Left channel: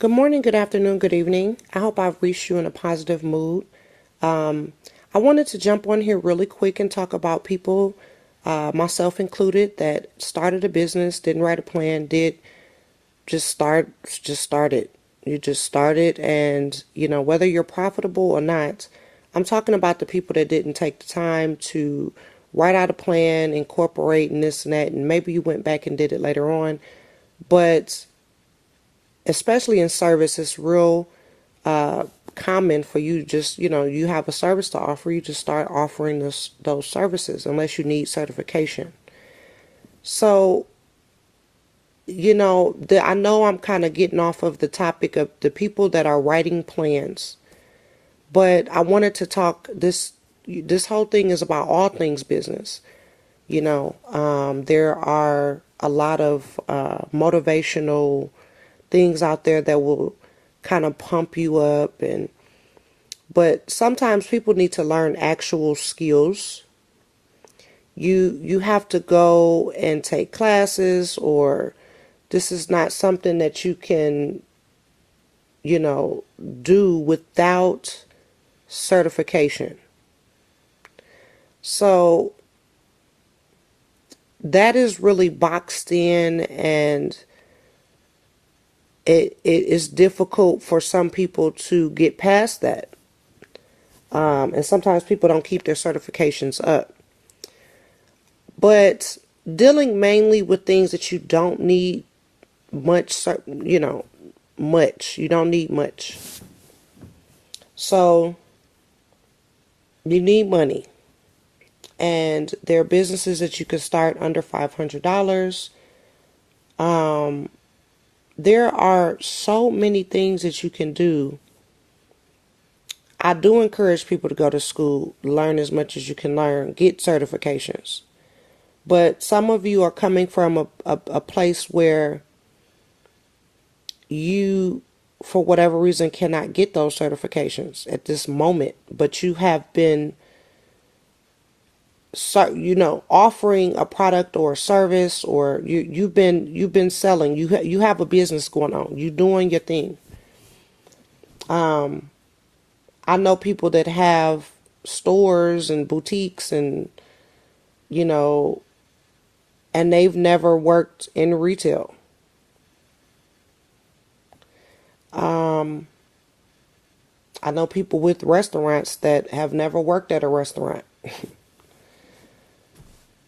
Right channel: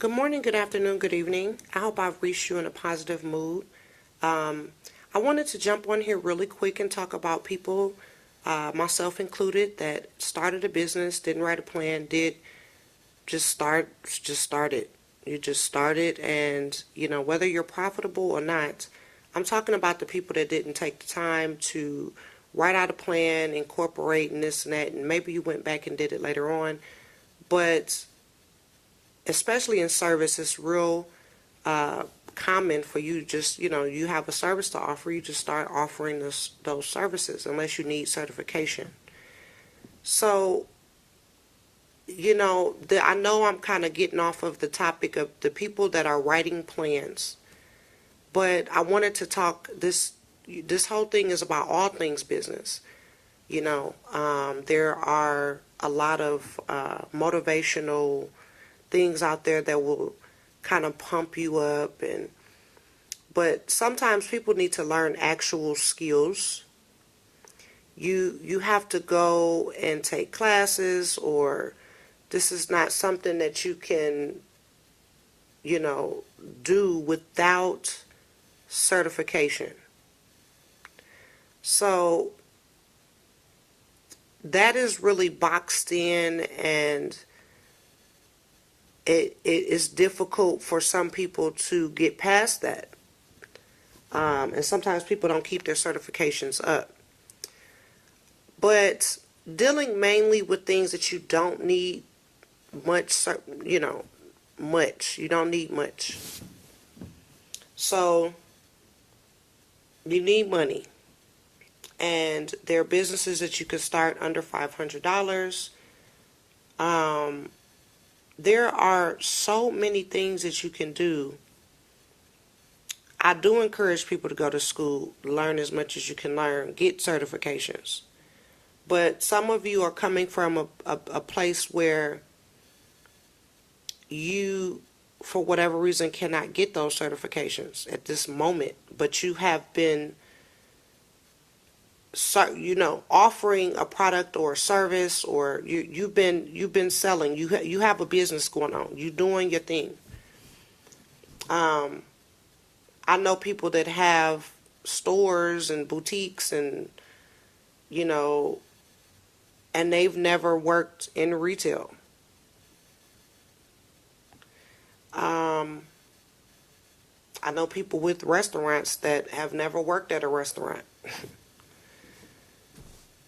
Good morning, good afternoon, good evening. I hope I've reached you in a positive mood. I wanted to jump on here really quick and talk about people, myself included, that started a business, didn't write a plan, did just started. You just started, and whether you're profitable or not, I'm talking about the people that didn't take the time to write out a plan, incorporate and this and that, and maybe you went back and did it later on, but especially in service, it's real common for you just, you have a service to offer, you just start offering those services unless you need certification. So, I know I'm kind of getting off of the topic of the people that are writing plans, but I wanted to talk, this whole thing is about all things business. There are a lot of motivational things out there that will kind of pump you up, but sometimes people need to learn actual skills. You have to go and take classes, or this is not something that you can do without certification. So that is really boxed in, and it is difficult for some people to get past that. And sometimes people don't keep their certifications up. But dealing mainly with things that you don't need much, you don't need much. So you need money. And there are businesses that you can start under $500. There are so many things that you can do. I do encourage people to go to school, learn as much as you can learn, get certifications. But some of you are coming from a place where you, for whatever reason, cannot get those certifications at this moment. But you have been, offering a product or a service, or you've been selling. You have a business going on. You're doing your thing. I know people that have stores and boutiques, and and they've never worked in retail. I know people with restaurants that have never worked at a restaurant.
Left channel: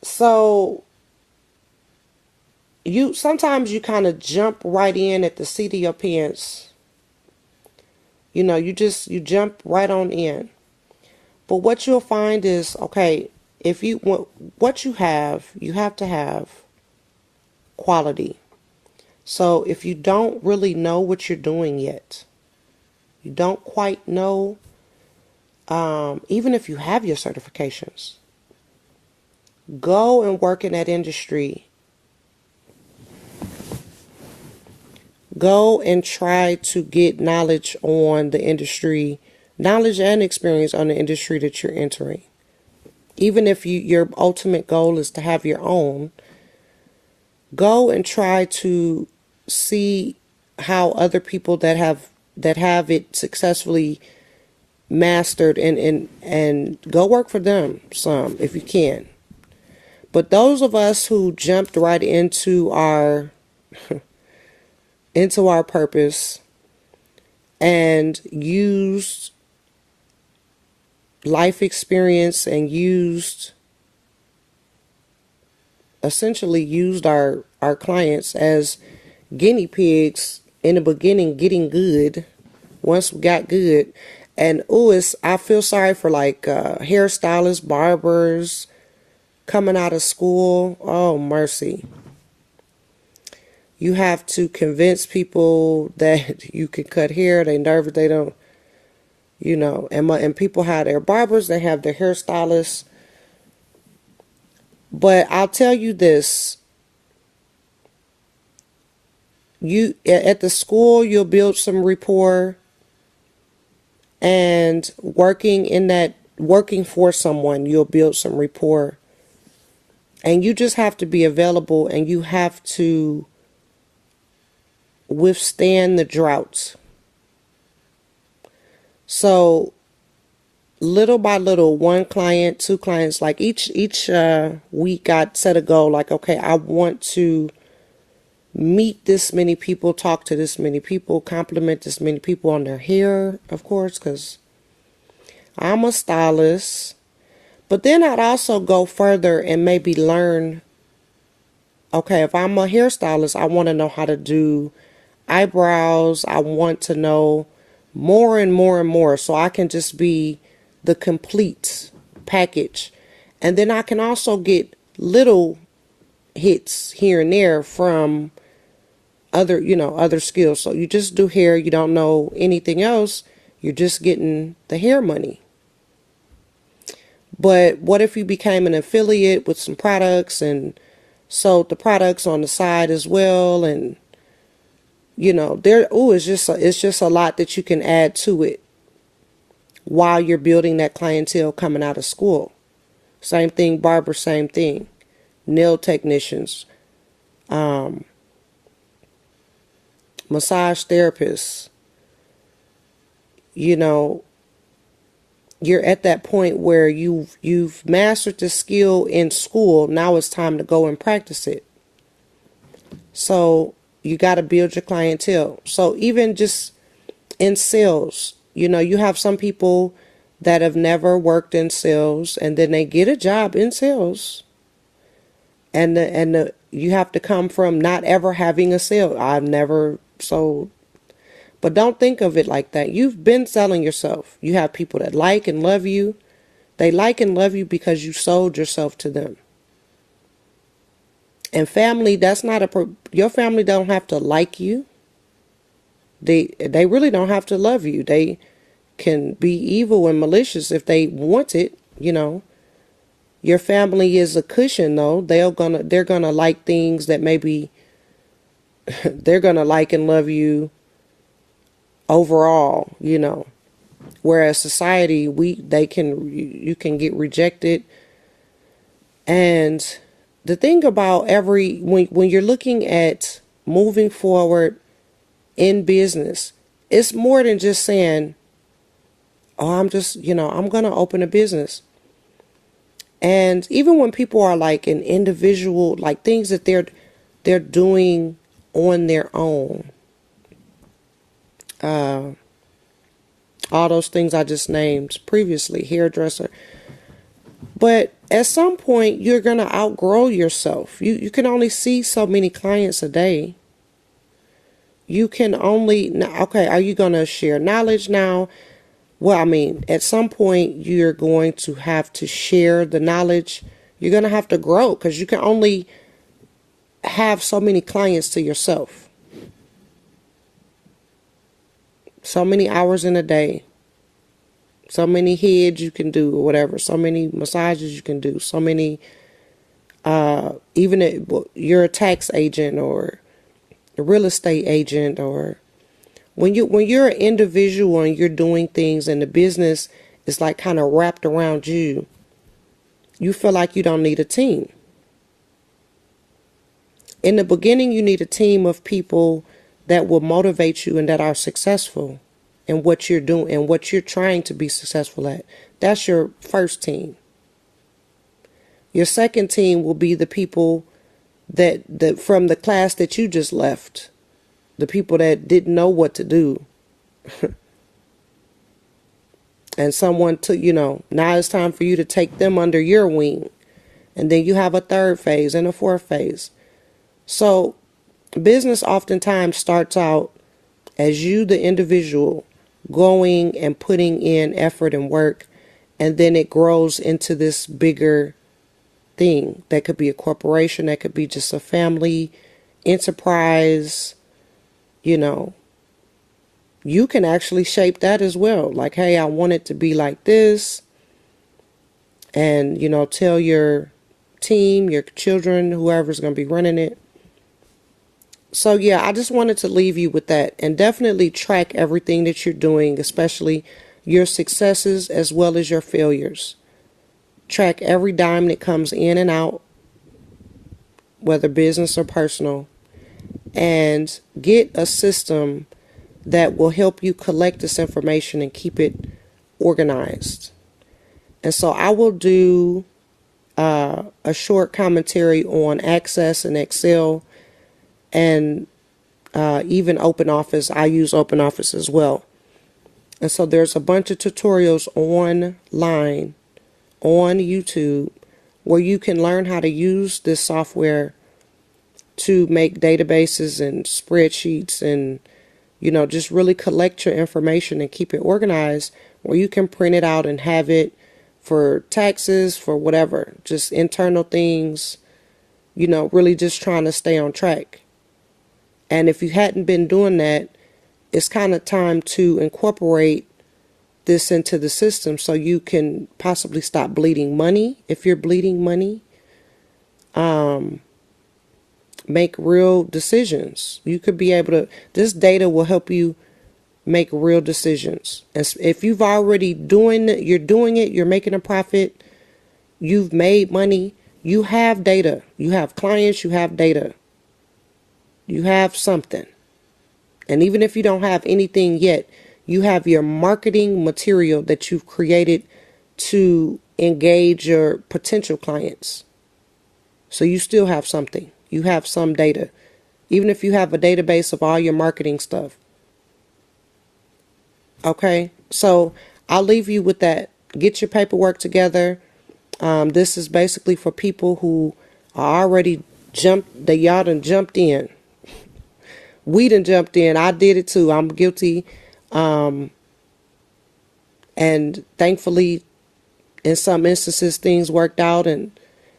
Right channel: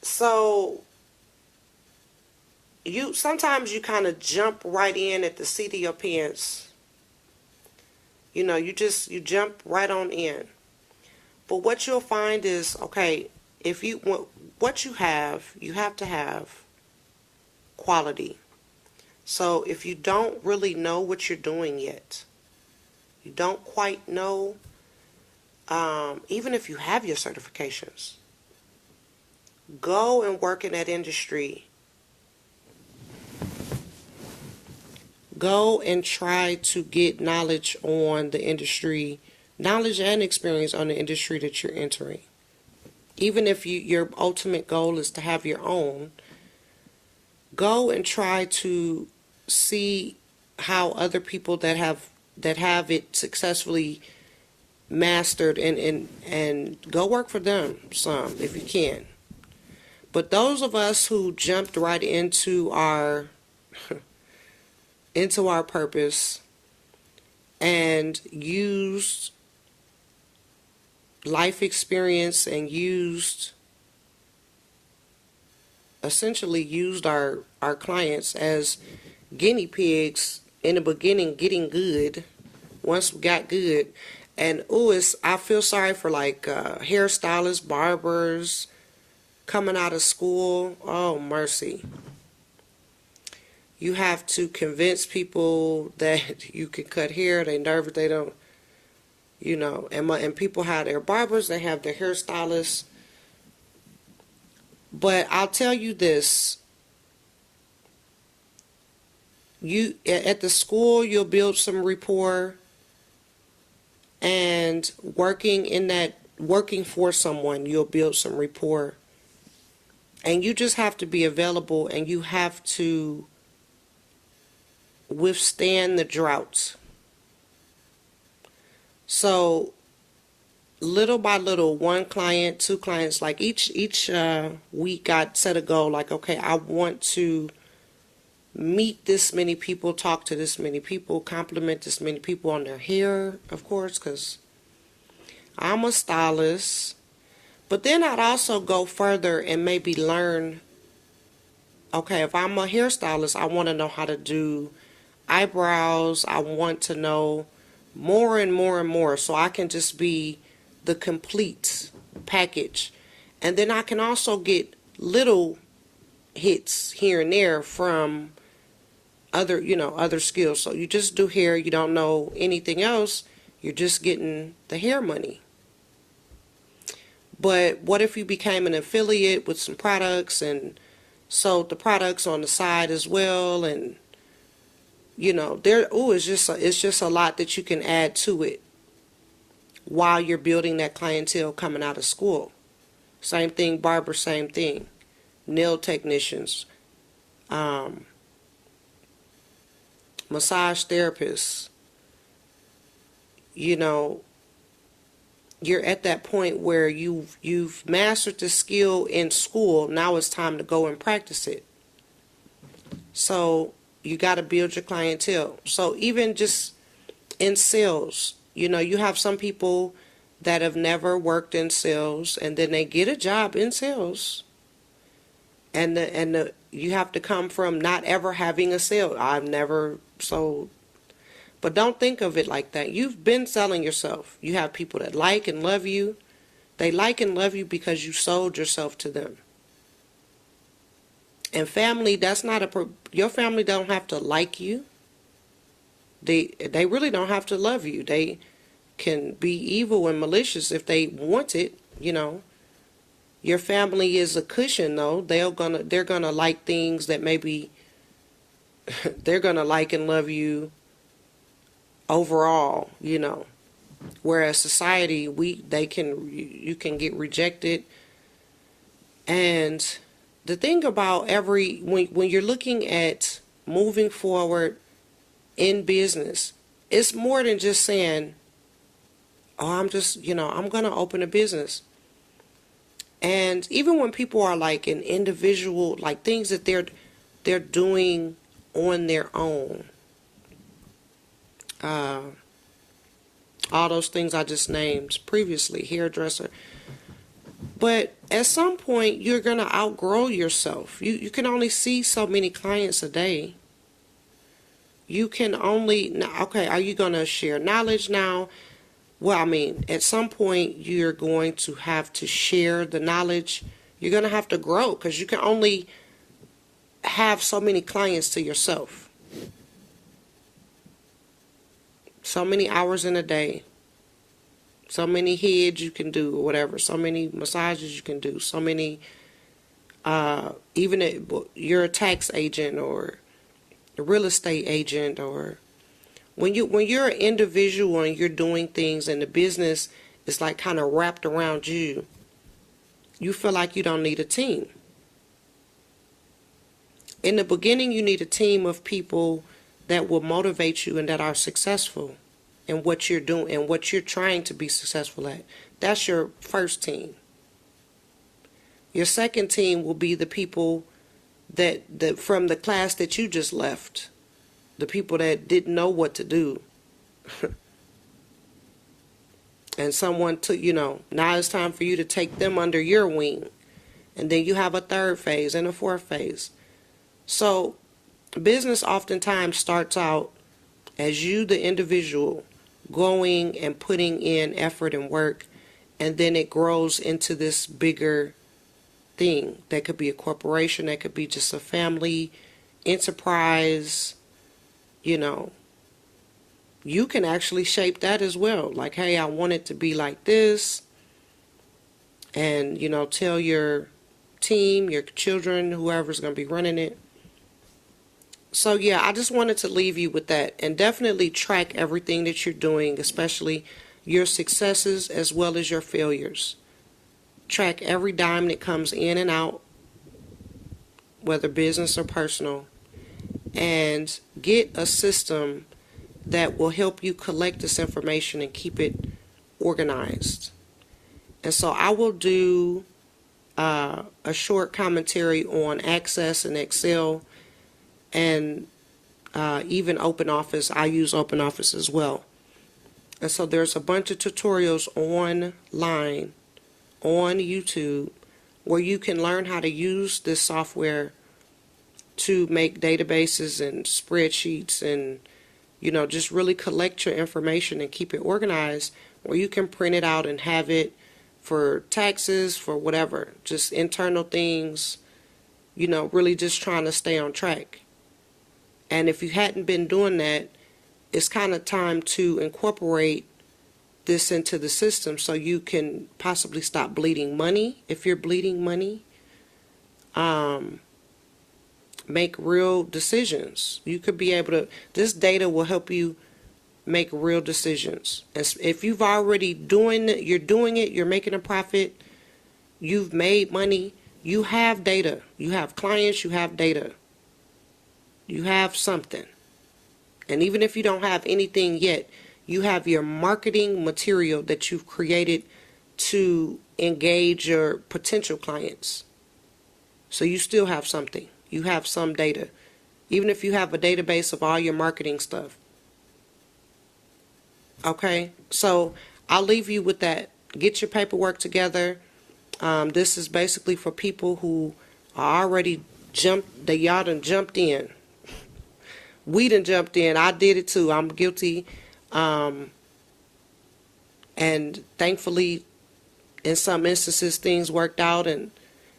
So sometimes you kind of jump right in at the seat of your pants. You jump right on in. But what you'll find is, okay, what you have to have quality. So if you don't really know what you're doing yet, you don't quite know, even if you have your certifications, go and work in that industry. Go and try to get knowledge on the industry, knowledge and experience on the industry that you're entering. Even if your ultimate goal is to have your own, go and try to see how other people that have it successfully mastered, and go work for them some if you can. But those of us who jumped right into our purpose and used life experience and essentially used our clients as guinea pigs in the beginning, getting good. Once we got good, and I feel sorry for hairstylists, barbers coming out of school. Oh, mercy. You have to convince people that you can cut hair. They nervous. They don't, and people have their barbers. They have their hairstylists. But I'll tell you this. At the school, you'll build some rapport. And working for someone, you'll build some rapport. And you just have to be available, and you have to withstand the droughts. So little by little, one client, two clients, like each week I'd set a goal, like, okay, I want to meet this many people, talk to this many people, compliment this many people on their hair, of course, because I'm a stylist. But then I'd also go further and maybe learn, okay, if I'm a hairstylist, I want to know how to do eyebrows. I want to know more and more and more, so I can just be the complete package. And then I can also get little hits here and there from other skills. So you just do hair, you don't know anything else, you're just getting the hair money. But what if you became an affiliate with some products and sold the products on the side as well? And it's just a lot that you can add to it while you're building that clientele coming out of school. Same thing, barber, same thing. Nail technicians, massage therapists. You're at that point where you've mastered the skill in school. Now it's time to go and practice it. So you got to build your clientele. So even just in sales, you have some people that have never worked in sales, and then they get a job in sales, and you have to come from not ever having a sale. I've never sold. But don't think of it like that. You've been selling yourself. You have people that like and love you. They like and love you because you sold yourself to them. And family, your family don't have to like you. They really don't have to love you. They can be evil and malicious if they want it, Your family is a cushion, though. They're gonna like things that maybe they're gonna like and love you overall, Whereas society, you can get rejected. And the thing about when you're looking at moving forward in business, it's more than just saying, oh, I'm going to open a business. And even when people are like an individual, like things that they're doing on their own, all those things I just named previously, hairdresser. But at some point, you're going to outgrow yourself. You can only see so many clients a day. You can only, okay, are you going to share knowledge now? Well, at some point, you're going to have to share the knowledge. You're going to have to grow because you can only have so many clients to yourself. So many hours in a day. So many heads you can do or whatever. So many massages you can do. So many, even if you're a tax agent or a real estate agent, or when you're an individual and you're doing things and the business is like kind of wrapped around you, you feel like you don't need a team. In the beginning, you need a team of people that will motivate you and that are successful in what you're doing and what you're trying to be successful at. That's your first team. Your second team will be the people that from the class that you just left, the people that didn't know what to do. And someone took, now it's time for you to take them under your wing. And then you have a third phase and a fourth phase. So business oftentimes starts out as you, the individual, going and putting in effort and work, and then it grows into this bigger thing. That could be a corporation, that could be just a family enterprise. You can actually shape that as well. Like, hey, I want it to be like this. And, tell your team, your children, whoever's going to be running it. So, yeah, I just wanted to leave you with that. And definitely track everything that you're doing, especially your successes as well as your failures. Track every dime that comes in and out, whether business or personal. and get a system that will help you collect this information and keep it organized. And so I will do a short commentary on Access and Excel and even OpenOffice. I use OpenOffice as well. And so there's a bunch of tutorials online on YouTube where you can learn how to use this software to make databases and spreadsheets and, just really collect your information and keep it organized, where you can print it out and have it for taxes, for whatever, just internal things, really just trying to stay on track. And if you hadn't been doing that, it's kind of time to incorporate this into the system so you can possibly stop bleeding money. If you're bleeding money, make real decisions. You could be able to, this data will help you make real decisions. If you've already you're doing it, you're making a profit, you've made money, you have data, you have clients, you have data, you have something. And even if you don't have anything yet, you have your marketing material that you've created to engage your potential clients. So you still have something. You have some data. Even if you have a database of all your marketing stuff. Okay? So I'll leave you with that. Get your paperwork together. This is basically for people who are already y'all done jumped in. We done jumped in. I did it too. I'm guilty. And thankfully, in some instances, things worked out. And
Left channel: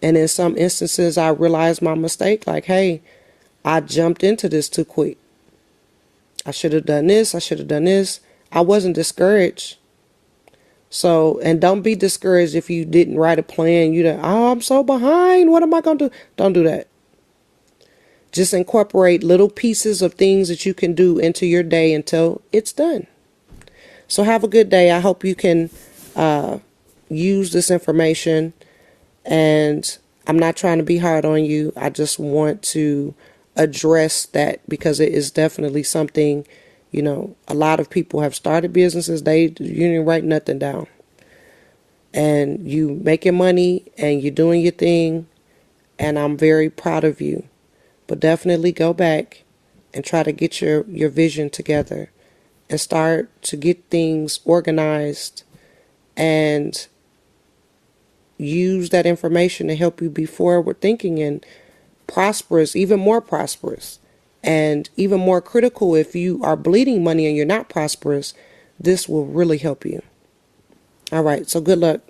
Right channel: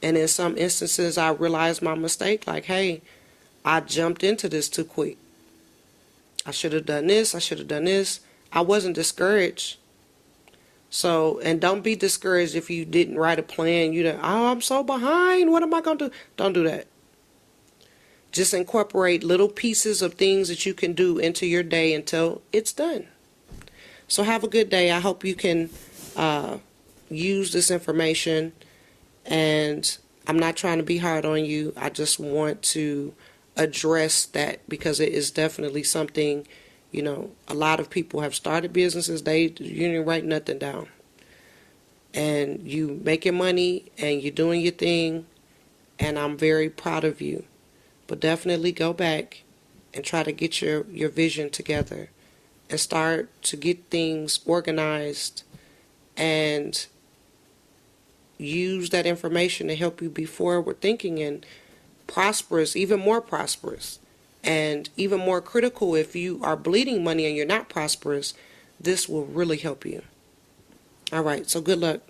in some instances, I realized my mistake. Like, hey, I jumped into this too quick. I should have done this. I should have done this. I wasn't discouraged. So, and don't be discouraged if you didn't write a plan. I'm so behind. What am I going to do? Don't do that. Just incorporate little pieces of things that you can do into your day until it's done. So have a good day. I hope you can use this information. And I'm not trying to be hard on you. I just want to address that because it is definitely something, a lot of people have started businesses. You didn't write nothing down. And you making money and you're doing your thing. And I'm very proud of you. But definitely go back and try to get your vision together and start to get things organized and use that information to help you be forward thinking and prosperous, even more prosperous, and even more critical. If you are bleeding money and you're not prosperous, this will really help you. All right, so good luck.